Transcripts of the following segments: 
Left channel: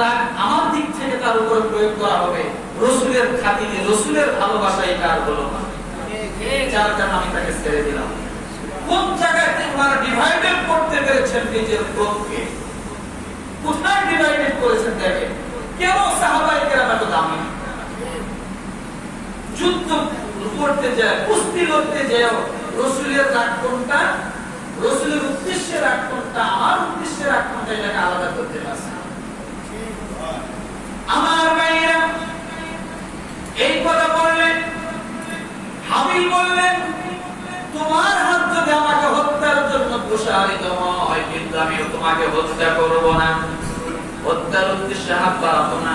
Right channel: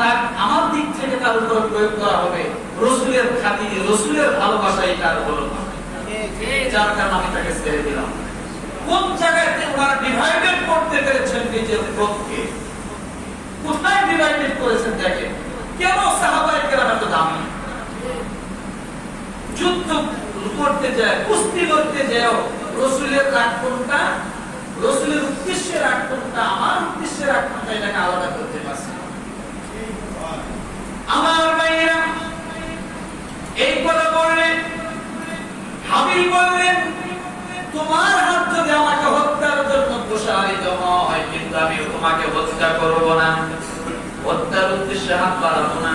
রাগ আমার দিক থেকে তার উপর প্রয়োগ করা হবে। রসুলের খাতিরে, রসুলের ভালোবাসা এটা আর হলো যার কারণে আমি তাকে ছেড়ে দিলাম। কোন জায়গাতে ওনারা ডিভাইডেড করতে পেরেছেন নিজের ক্রোধকে কোথায় ডিভাইডেড করেছেন দেখেন কেন সাহাবাই এত দামি? যুদ্ধ করতে যায়, কুস্তি করতে যায়, রসুলের রাগ কোনটা? রসুলের উদ্দেশ্যে রাগ কোনটা? আমার উদ্দেশ্যে রাগ কোনটা? এটাকে আলাদা করতে পারছে না। আমার ভাইয়েরা এই কথা বললেন হাবিল বললেন তোমার হাত যদি আমাকে হত্যার জন্য প্রসারিত হয়, কিন্তু আমি তোমাকে হত্যা করব না। হত্যার উদ্দেশ্যে হাত বাড়াবো না।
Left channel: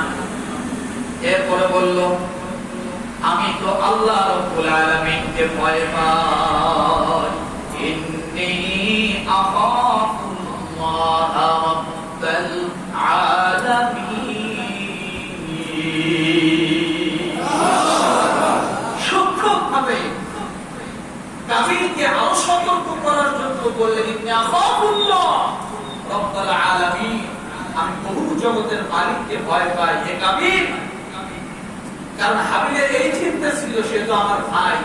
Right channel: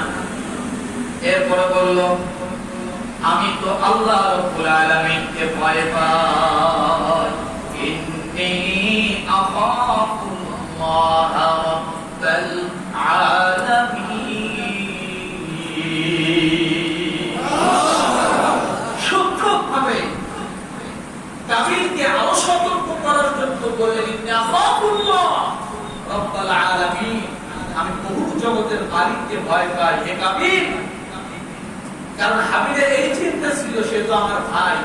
এরপরে বলল, আমি তো আল্লাহ রব্বুল আলামিনকে ভয় পাই। ইন্নী আখাফুল্লাহ রাব্বাল আলামিন সূক্ষ্মভাবে কাফিরকে আরও সতর্ক করার জন্য বললেন ইন্নী আখাফুল্লাহ রাব্বাল আলামিন আমি বহু মালিককে ভয় পাই হে কাফির কারণ হাবিলের এই চিন্তা ছিল, সে তো আমার ভাই।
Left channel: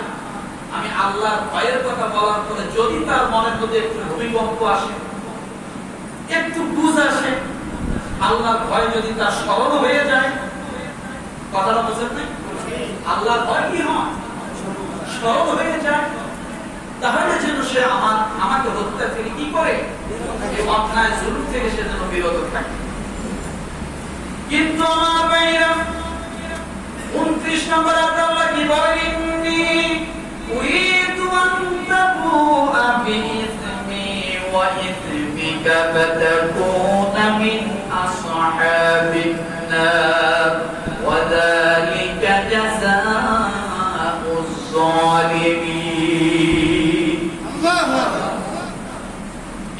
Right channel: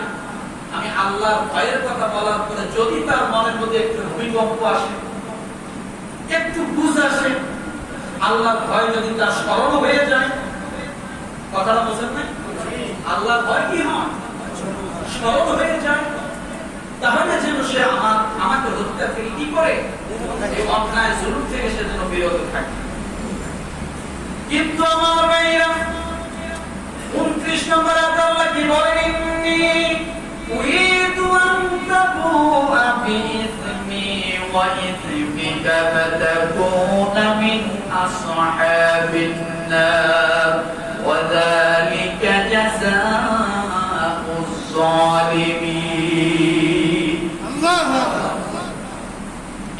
আমি আল্লাহর ভয়ের কথা বলার পরে যদি তার মনের মধ্যে একটু ভূমিকম্প আসে, একটু বুঝ আসে, আল্লাহর ভয় যদি তার স্মরণ হয়ে যায়, কথাটা বোঝেন নাই? আল্লাহর ভয় কি হয়? স্মরণ হয়ে যায়। তাহলে যেন সে আমার আমাকে হত্যা থেকে কি করে? অন্যায় জরুর থেকে সে যেন বিরত থাকে। কিন্তু আমার উনত্রিশ নম্বর আদাল্লাহ কি বলেন? ইন্নি উরিদু আন তাবুআ বিইসমি ওয়া ইসমিকা ফাতাকুনা আসহাবিন নার। ওয়া যালিকা জাযাউজ জালিমিন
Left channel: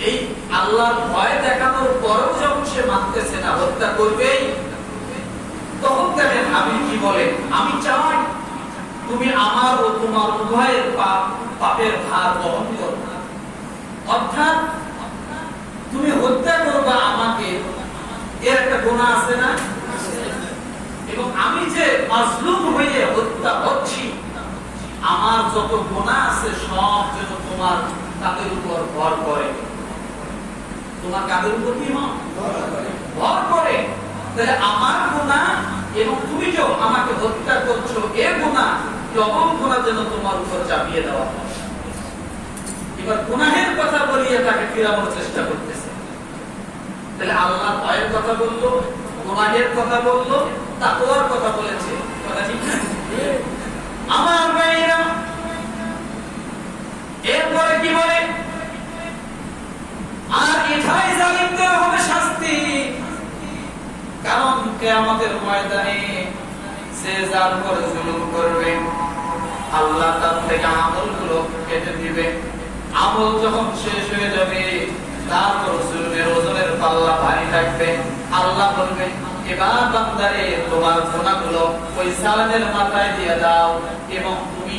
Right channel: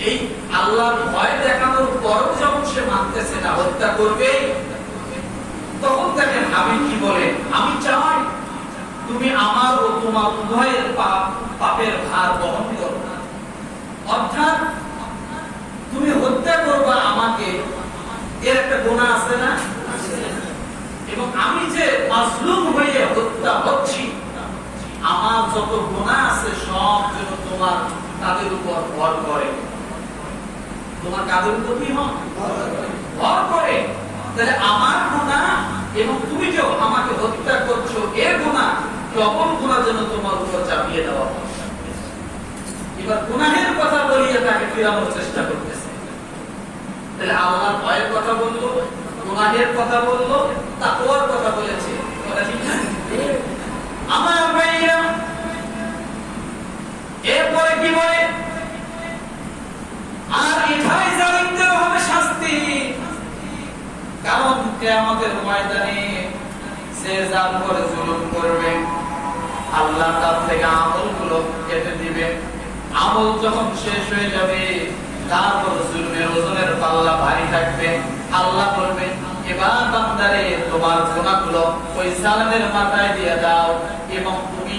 এই আল্লাহর ভয় দেখানোর পরও যখন সে মানতেছে না, হত্যা করবেই তখন দেখেন আমি কি বলে, আমি চাই তুমি আমার ও তোমার উভয়ের পাপ পাপের ভার বহন করো অর্থাৎ তুমি হত্যা করবা আমাকে। এর একটা গুণা আছে না? এবং আমি যে মাজলুম হয়ে হত্যা হচ্ছি, আমার যত গুণা আছে সব যেন তোমার তাদের উপর ভর করে। তোমার কাদের উপর কি হয়? ভর করে। তাহলে আমার গুণা এবং তুমি যে আমাকে হত্যা করছ, এর গুণা ডবল গুণা যেন তোমার উপর চাপিয়ে দেওয়া। এবার গুনাহের কথা বলিয়ে তাকে ফিরানোর চেষ্টা করতেছে। তাহলে আল্লাহ ভয়ের কথা বলল গুনাহের কথা বলল, তাকওয়ার কথা বলেছে। কথা ঠিক না? আমার ভাইয়েরা, এরপরে কি বলে? আর এটাই জালিমদের হবে শাস্তি। কারণ কেয়ামতের ময়দানে সে যার উপরে জুলুম করবে আল্লাহ তার থেকে আমলগুলো কেটে দিবে। আমল যখন শেষ হয়ে যাবে তারপর জুলুমের ওজনের পাল্লা ভারী থাকবে। আল্লাহ বলবে এবার বান্দারে তোমার গুণাগুলো ওই সালামের মাথায় দিয়ে দাও এবং তুমি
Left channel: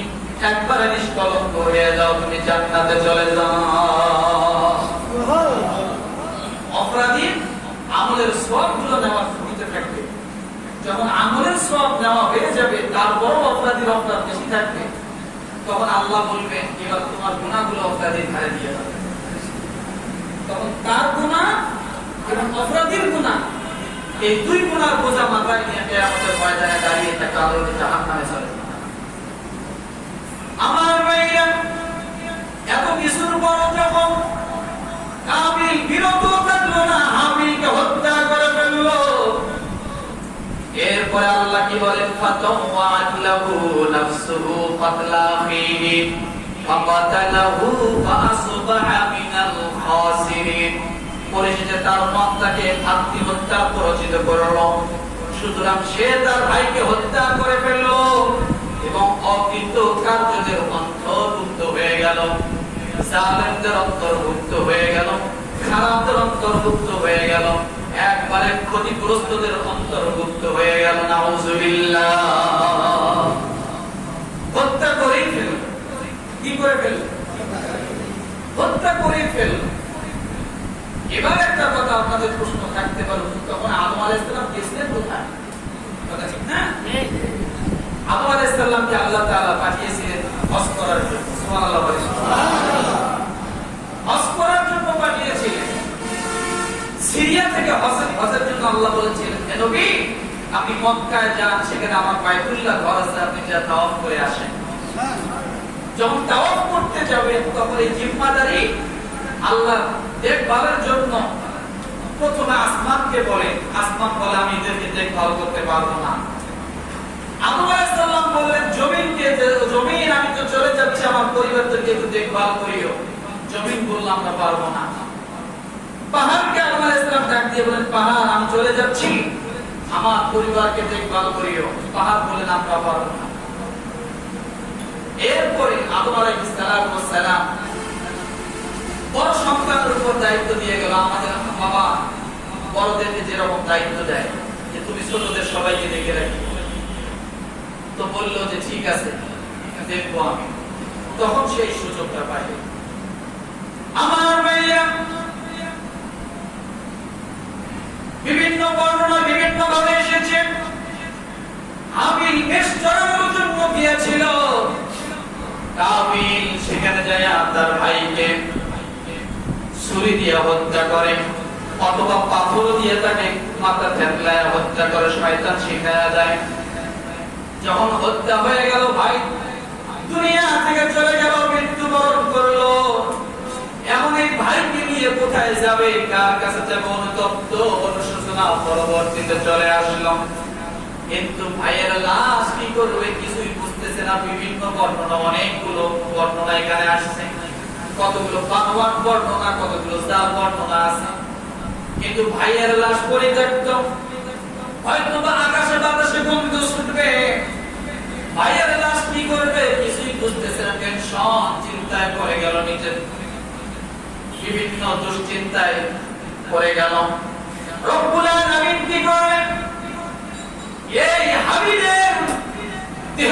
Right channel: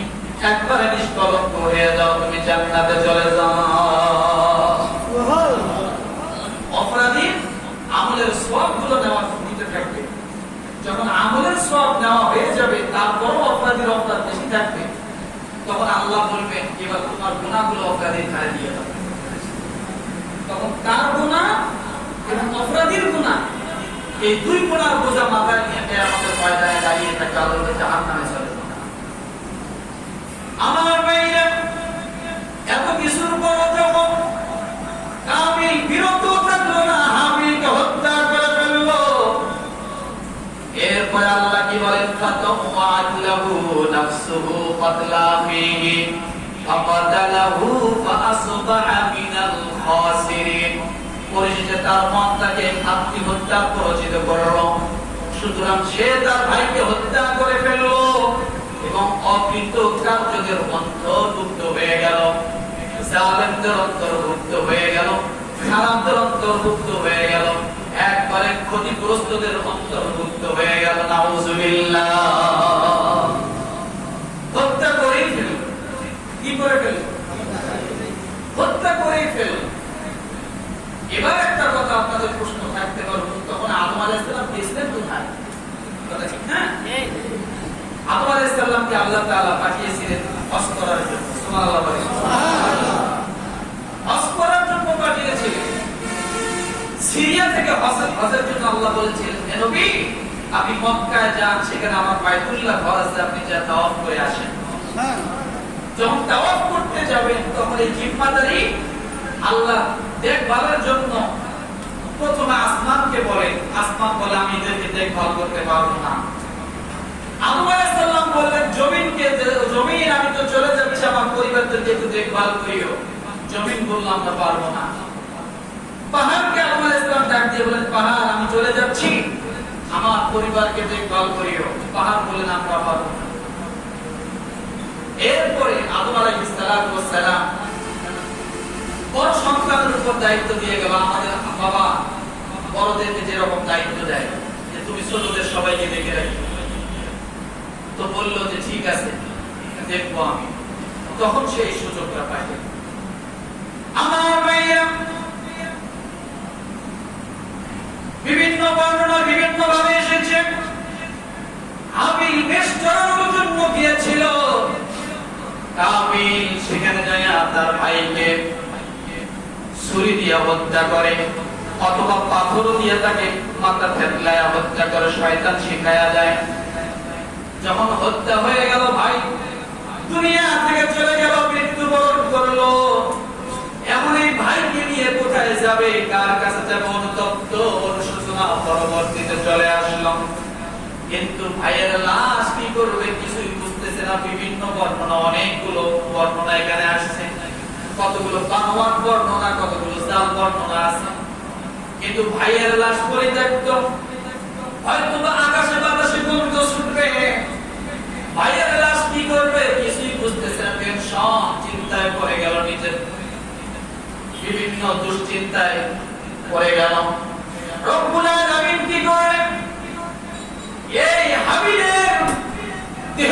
একবারে নিষ্কলঙ্ক হয়ে যাও তুমি জান্নাতে চলে যাও। অপরাধীর আমলের সবগুলো নেওয়া যখন আমলের সব হয়ে যাবে, তারপরও অপরাধীর অপরাধ বেশি থাকবে। তখন আল্লাহ বলবেন, এবার তোমার গুণাগুলো অপরাধীর দিয়ে তখন তার গুণা এবং অপরাধীর গুণা এই দুই গুণার বোঝা মাথায় নিয়ে দাঁড়িয়ে একটা এরপরে আল্লাহ কি বলেন? ফাতাওয়াত নাফসুহু কাতলা ফাকাতালাহু ফাআসবাহা মিনাল খাসিরিন. পরিশেষে তার মন তাকে আত্মহত্যা প্ররোচিত করল। সুতরাং সে তার ভাইকে হত্যা করে ফেলল এবং অকৃত কার্যদের অন্তর্ভুক্ত হয়ে গেল। জালেমদের অন্তর্ভুক্ত হয়ে গেল, খারাপদের অন্তর্ভুক্ত হয়ে গেল। একবারে ক্ষতিগ্রস্তদের অন্তর্ভুক্ত হয়ে গেল, নাউজুবিল্লাহ। হত্যা করেই ফেল। কি করে ফেল? হত্যা করেই ফেল। এবার একটা কথা আপনাদের প্রশ্ন থাকতে পারব তখন আদম আলাইসাল্লাম গেছিলেন কোথায়? কথা ঠিক না? আদম আলাইসাল্লামকে আল্লাহ তাআলা পাঠিয়েছিলেন হজ করার জন্য বলেন। হজ করার জন্য পাঠিয়েছিলেন সিরিয়া থেকে হজের হজের জন্য আল্লাহ বলেছিলেন "হে নবী, আপনি মক্কায় যান, সেখানে আমার বাইতুল্লাহ ঘর আপনি যা তাওয়াফ করে আসেন। যখন তাওয়াফ করতে যাবেন, তখন এই জিম্মাদারি আল্লাহ দেখভালের জন্য প্রথমে আসমানকে বলেন আসমান বলে, আমি এদেরকে দেখভাল করতে পারব না। আদম বললেন, জমিনকে জমিন, আমি তো চলে যাচ্ছি, আমার পরিবারদেরকে একটু দেখভাল করিও। জমিন বললাম আমরা পারব না। পাহাড়কে আদম আলাইহিস সালাম ডাক দিয়ে বলেন, পাহাড়, আমি চলে যাচ্ছি। আমার পরিবারকে দেখভাল করিও। পাহাড় বলেন আমরা পারব এরপরে আদম আলাইহিস সালাম বড় সন্তানের উপর দায়িত্ব দিয়ে গেল। আমাদের বাবা বড়দেরকে যেরকম দায়িত্ব দেয়, যে তুমি ছোটদের সবাইকে দেখে রাখি। তো বলল যে, ঠিক আছে, দেখব আমি। তখন সেই সুযোগটা পাই আমার ভাইয়া বিভিন্ন বর্ণনা বিভিন্ন ভাবে এসেছে। আমি বেশ জন্য গিয়েছিল। সেখানে যায় তার ভাইকে ছুরি দিয়ে হত্যা করে, অথবা পাথর দিয়ে তাকে মাথা থেতলায় হত্যা করে, শয়তান দেয়। যখন হত্যা হয়ে গেল ভাই, দুনিয়া থেকে চলে গেল মৃত্যুবরণ। কোথায় যাবে, কার কাছে যাবে অনুতপ্ত? অনুশোচনা পরবর্তীতে চলে আসলো। কিন্তু ভাইয়ের লাশ কি করবে কিছুই বুঝতেছে না। বিভিন্ন বর্ণনা, অনেকগুলো বর্ণনা এখানে আসছে। কতগুলো পানোয়ার বর্ণনা, কতগুলো জাল বর্ণনা আছে। কিন্তু ভাইয়ের লাশ পরে দেখতো হয়তো বা আকাশে বাতাসে গন্ধ শুনবে। ভাইয়ের লাশ কি করবে কিছুই বুঝতেছে না। টেনশন চিন্তায় পড়ে গেল নিজের বিভিন্ন দুশ্চিন্তায় পড়ে গেল রব্বুল আলামিন কি করে এই হাবিলের দেহ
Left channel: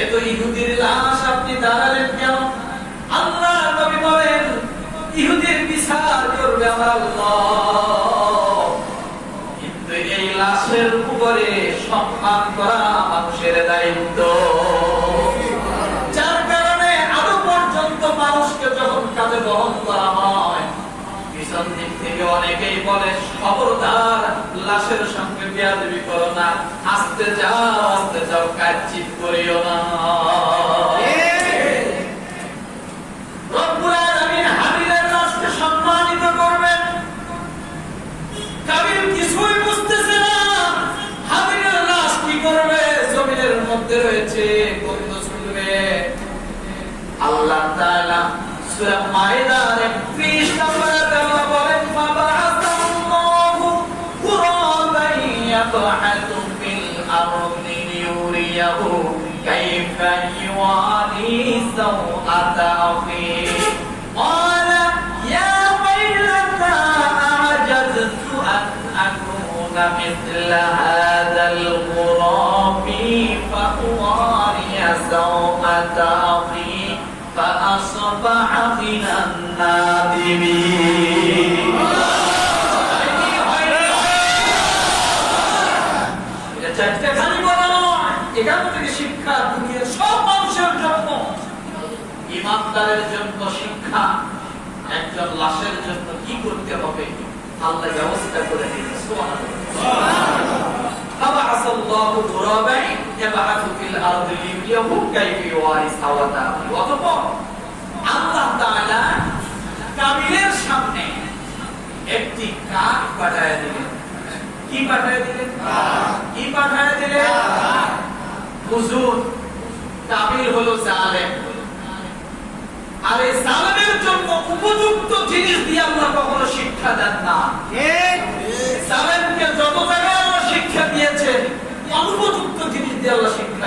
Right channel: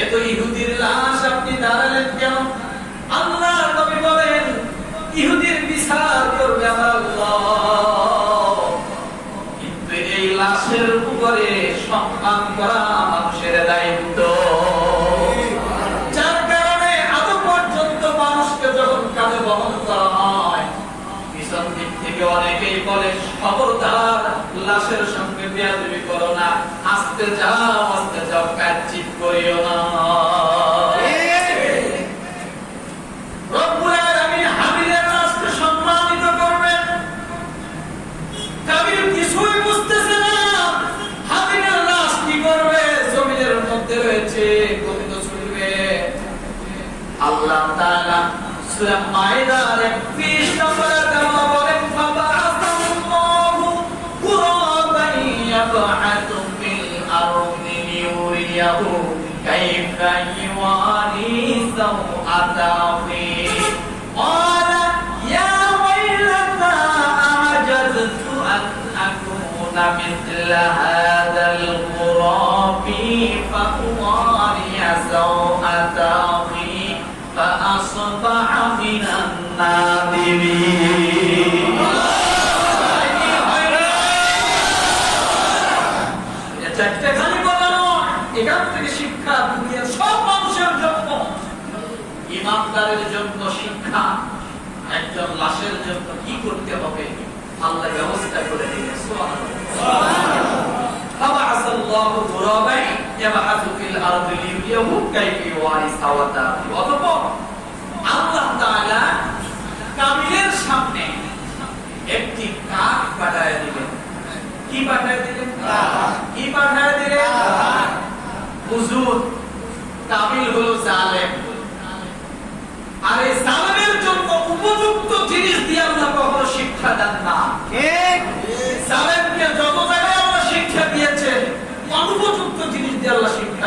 এ তো ইহুদির লাশ আপনি দাঁড়ালেন কেন? আল্লাহ নবী বলেন, ইহুদির বিচার করবে আল্লাহ। কিন্তু এই লাশের উপরে সম্মান করা মানুষের দায়িত্ব। যার কারণে আদৌ পর্যন্ত মানুষকে যখন কাঁধে বহন করা হয়, পিছন দিক থেকে অনেকেই বলে, খবরদার, লাশের সঙ্গে বেয়াদবি করো না, আস্তে যাও আস্তে যাও কাচ্চিত করিও না রয়েছে গন্ধ শুনবে আল্লাহ তাআলা সূরা মাইদার 31 مثل هذا الغراب فأواري سوءة أخي فأصبح من النادمين এটা চারটে খালি কথা নয় এখান থেকে শিক্ষা দুনিয়ার সব মানুষের জন্য ইমানদারের জন্য শিক্ষা একজন লাশের জন্য কি করতে হবে আল্লাহ ব্যবস্থা করে একটি পাঠায় দিলেন। কি পাঠায় হলো জন্য উপযুক্ত জিনিস দিয়ে আমরা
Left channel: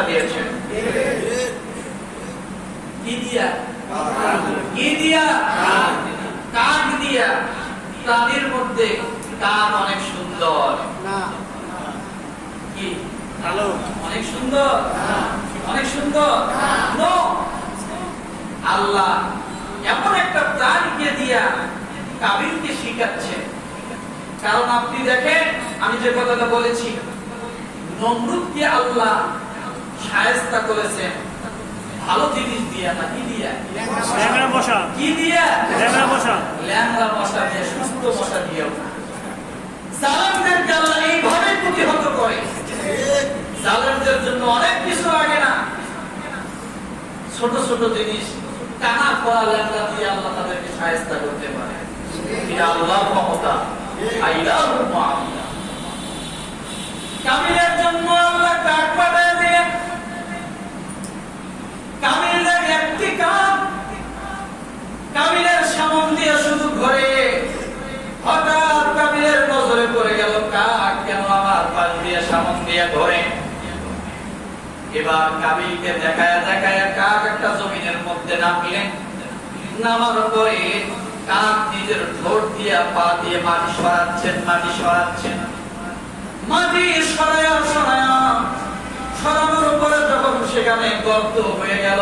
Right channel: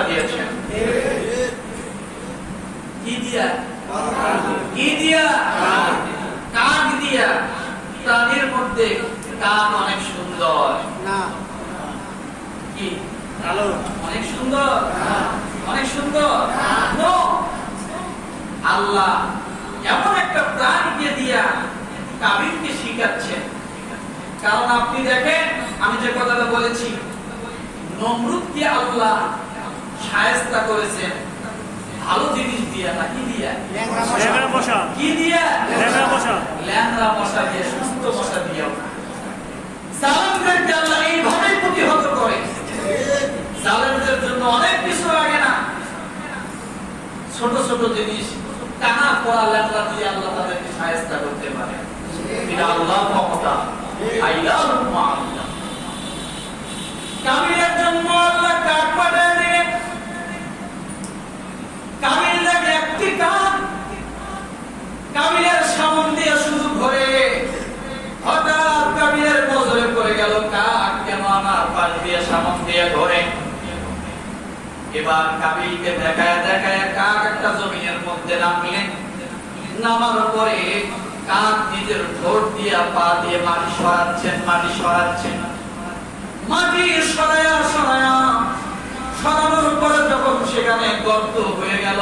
দিয়েছেন কি দিয়া? কি দিয়া? কাক দিয়া? প্রাণীর মধ্যে কাক অনেক সুন্দর। কি? ভালো অনেক সুন্দর? অনেক সুন্দর? আল্লাহ এমন একটা প্রাণীকে দিয়া কাবিলকে শিখাচ্ছেন কারণ আপনি দেখেন আমি যে কথাটা বলেছি নমরুদকে আল্লাহ সায়স্তা করেছেন ভালো জিনিস দিয়া না কি দিয়া? বসা কি দিয়া? ল্যাংড়া বসা ল্যাংড়া মশা দিয়ে সুস্থ মশা দিয়েও জালেমদেরকে আল্লাহ এইভাবে প্রতিহত করে। জালেমদের জন্য অনেক কিছু লাগে না। ছোট ছোট জিনিস টানা করা ল্যাংড়া দিয়ে আল্লাহ তাদেরকে সাহায্য করতে পারে। এটা আল্লাহর ক্ষমতা। আইলাহু কামিলের জন্য আল্লাহ কাঠ পাঠায় দিলেন কামিল দেখে একটি কাঠ সামন দিয়ে শুধু ঘরে হঠাৎ কাবিলের নজরে পড়ে গেল কাক কেন আমার পাশ দিয়ে, সামন দিয়ে ঘরে এবার কাবিলকে দেখায় দেখায় কাক একটা জমিনের মধ্যে নামলেন। নামার পরে কাক নিজের ঠোঁট দিয়ে, পা দিয়ে মাটি সরাচ্ছেন মাটি সরাচ্ছেন। মাটি সরায়া সরায়া সরানোর পরে যখন সেখানে গর্ত হয়ে গেল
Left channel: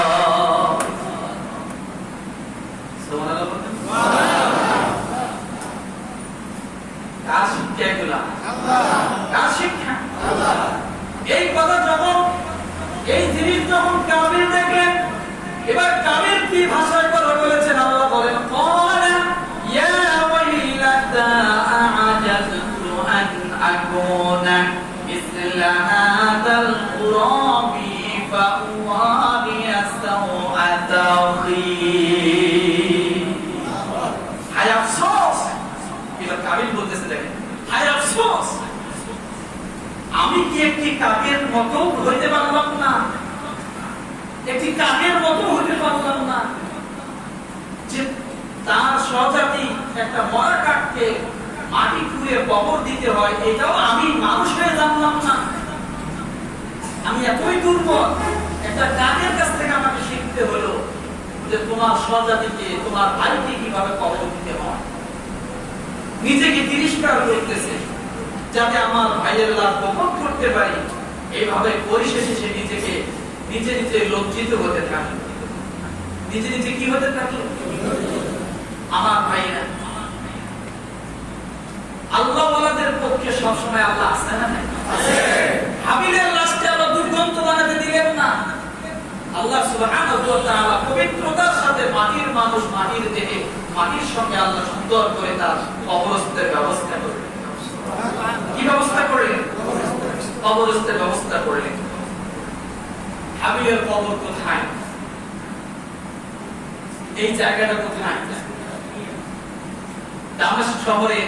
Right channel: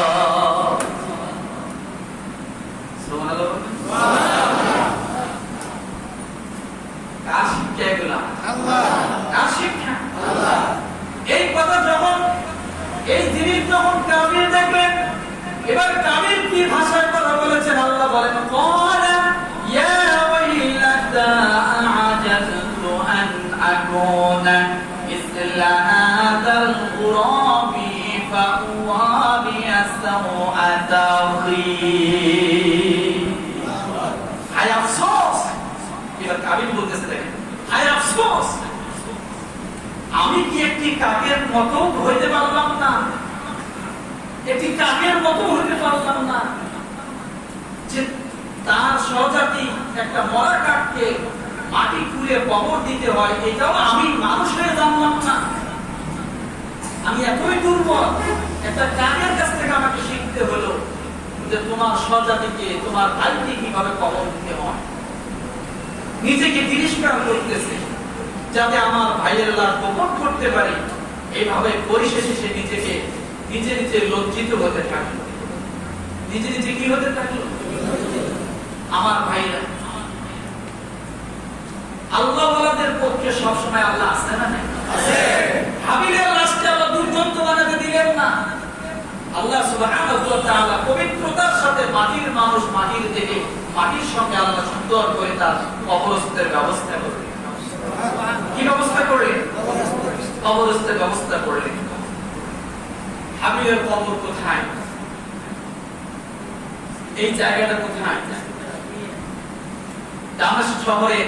مِثْلَ هَذَا الْغُرَابِ فَأُوَارِيَ سَوْءَةَ أَخِي হায় আফসোস এবার কাবিল বলতেছে দেখেন হায় আফসোস আমি কি একটি কাকের মতো হইতে পারলাম না একটি কাকের মতো হইতে পারলাম না যে তার স্বজাতি একটা মরা কাককে মাটি খুঁড়ে কবর দিতে হয় এটাও এতই দুর্বল, একটা কাছ থেকে আমাকে শিখতে হলো যে তোমার তোমার কীভাবে কবর দিতে হয়। নিজেকে করতেছে যাতে আমার ভাইয়ের লাভ গোপন করতে পারি। এইভাবে পরিশেষে সে নিজেকে, নিজে নিজে লজ্জিত হতে থাকল। নিজে নিজে কি হতে থাকল? আমার ভাইরা আল্লাহ পক্ষে সবসময় আল্লাহ আছে না নাই? হাবিলের লাশকে আল্লাহ দুর্গন্ধ বানাতে দিলেন না আল্লাহ সুবহানাহু ওয়া তাআলা পবিত্রতার সাথে মাটির মানুষ মাটির দেহে মাটির সঙ্গে আল্লাহ সুন্দর করে তার কবরস্থের ব্যবস্থা করলেন কি ব্যবস্থা করলেন কবরস্থের ব্যবস্থা করলেন হাবিলের কবর কোথায়? এই জায়গাটা কোথায়? দামেস্ক শহরে,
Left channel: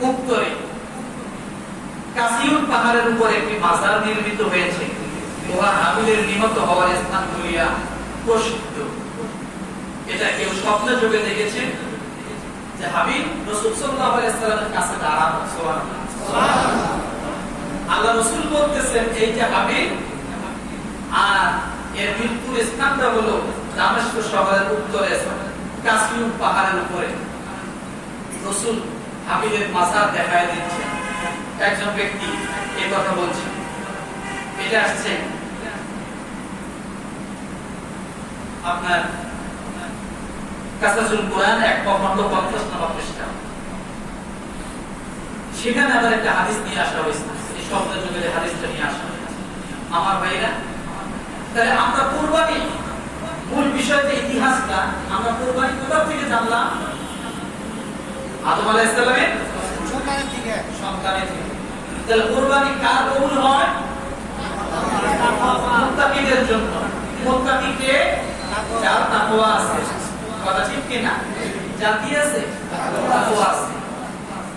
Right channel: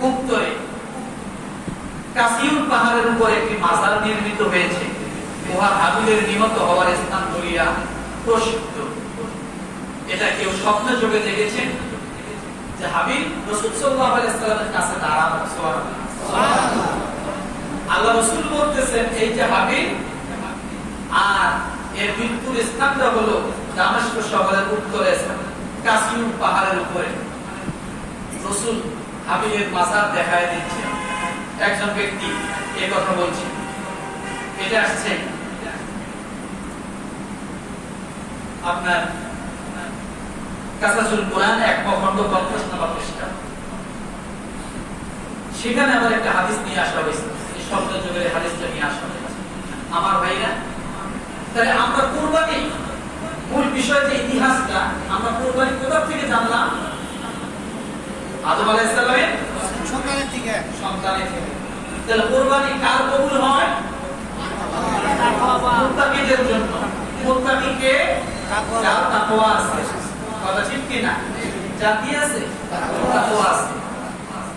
উত্তরে। কাসিউর পাহাড়ের উপর একটি মাজার নির্মিত হয়েছে। উহার হাবিলের নিহত হওয়ার স্থান বলিয়া প্রসিদ্ধ। এটা কেউ স্বপ্ন যোগে দেখেছেন যে হাবিল রসুল সাল্লাল্লাহু আলাইহি কাছে দাঁড়ানো। আল্লাহ রসুল বলতেছেন, এই যে হাবিল আর এর মৃত্যুর স্থানটা হলো দামেস্ক শহরের উত্তরে কাসিউর পাহাড়ের উপরে। রসুল হাবিলের মাজার দেখায় দিচ্ছেন একজন ব্যক্তি এই কথা বলছে। এটা আসছে আপনার কাসাসুল কোরআন এক খন্ড পঞ্চাশ নম্বর পৃষ্ঠা। সেখানে আবার একটা হাদিস নিয়ে আসা হয়েছে। এই শব্দ যুগের হাদিসটা নিয়ে আসা হয়েছে। আমার ভাইরা তাহলে আমরা কোরবানি মূল বিষয় যে ইতিহাসটা। আমরা কোরবানি কোথা থেকে জানলাম? আদম আলাইহিস সালামের সকালের দিকে। সন্তানের থেকে তাহলে কোরবানি কার কবুল হয়? মুত্তাকিদের জন্য। মুত্তাকিকে যার তাকওয়া আছে।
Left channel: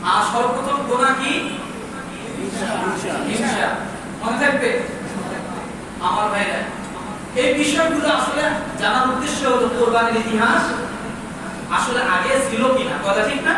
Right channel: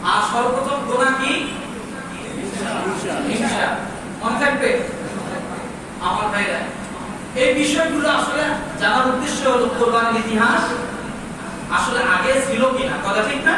আর সর্বপ্রথম আমার এই বিষয়গুলো আসলে জানার উদ্দেশ্য হলো কোরবানির ইতিহাস। আসলে আগে ছিল কিনা? কথা ঠিক না?